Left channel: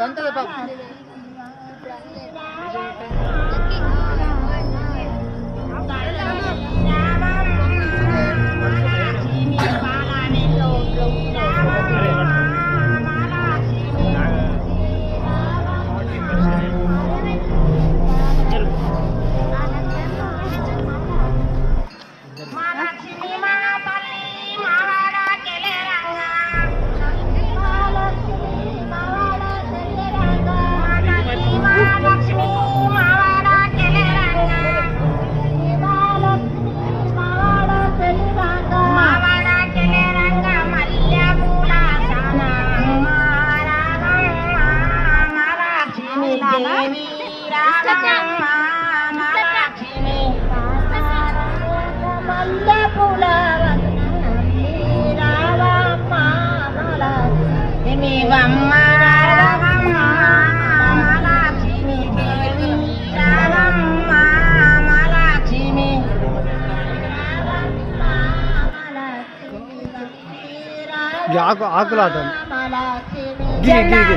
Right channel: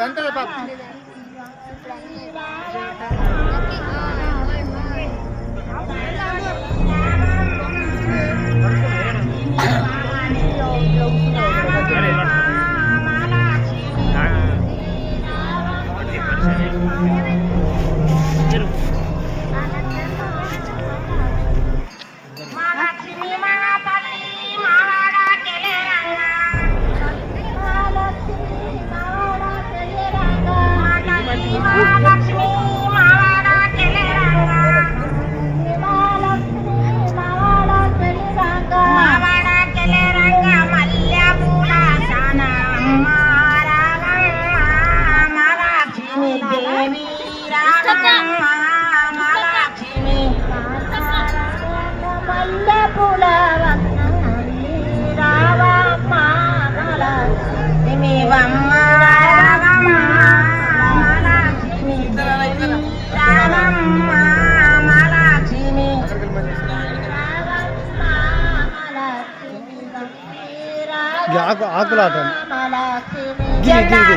దంతలు పాప Thank you. ये आग आग लाता है गिरी गिरी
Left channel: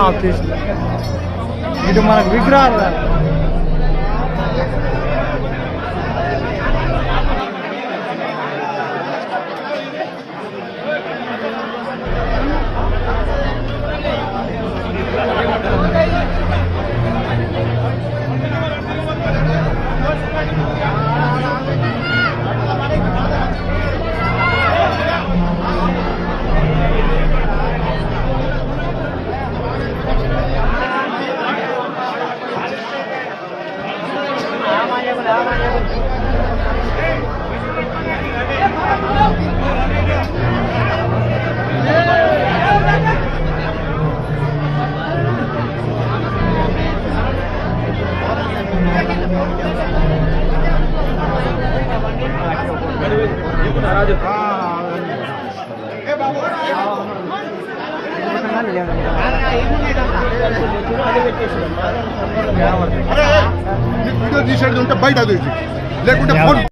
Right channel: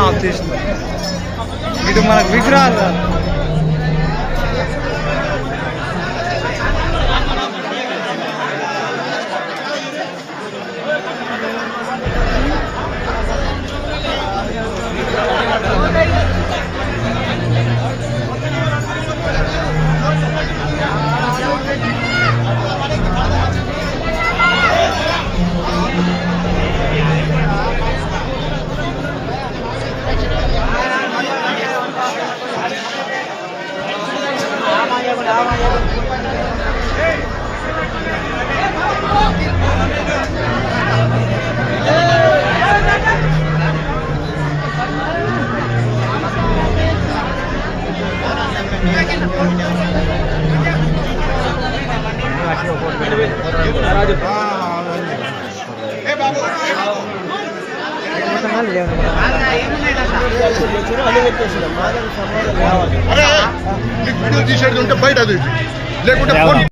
ఆఫ్ చేసింది ఇటు మనకు విగ్రహాలు కాదు అరే వీడియో తీసేది ఉంటే బయట తీసి లేకుంటే